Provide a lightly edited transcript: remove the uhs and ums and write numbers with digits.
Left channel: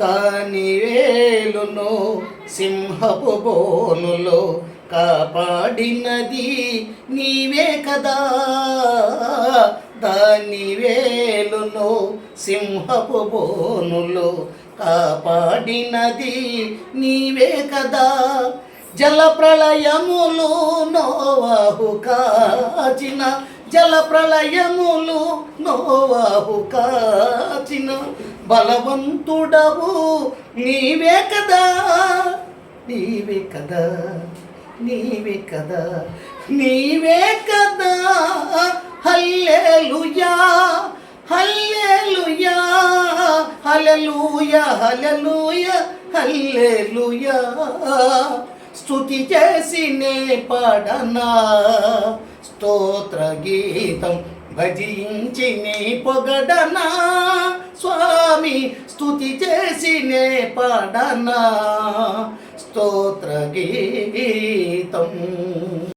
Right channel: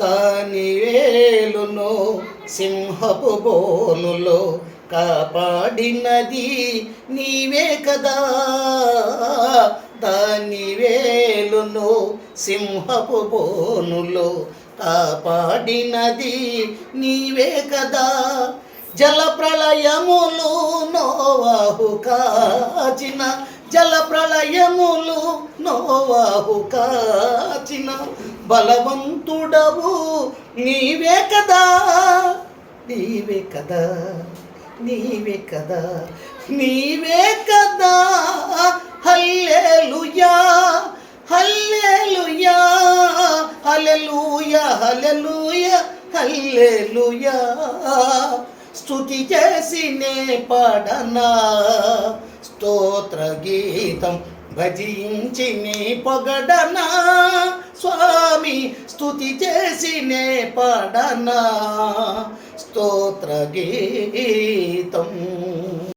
దాని వేలును సింహపు బోనులో కాపాడినది నీవే కదా. దాని వేలును సింహపు బోనులో కాపాడినది నీవే కదా. జల ప్రళయములు నోవాహు కాచిన, జల ప్రళయములు నోవాహు కాచిన బలవంతుడవు నీవే కదా. నీవే కదా, నీవే కదా, నీవే కదా. హల్లెలూయా, హల్లెలూయా, హల్లెలూయా, హల్లెలూయా, హల్లెలూయా. స్తుతి చేసి నే పాడనా స్తోత్ర గీతం, భజించి నీ పొగడనా స్వామి. స్తుతి చేసి నే పాడనా స్తోత్ర గీతం.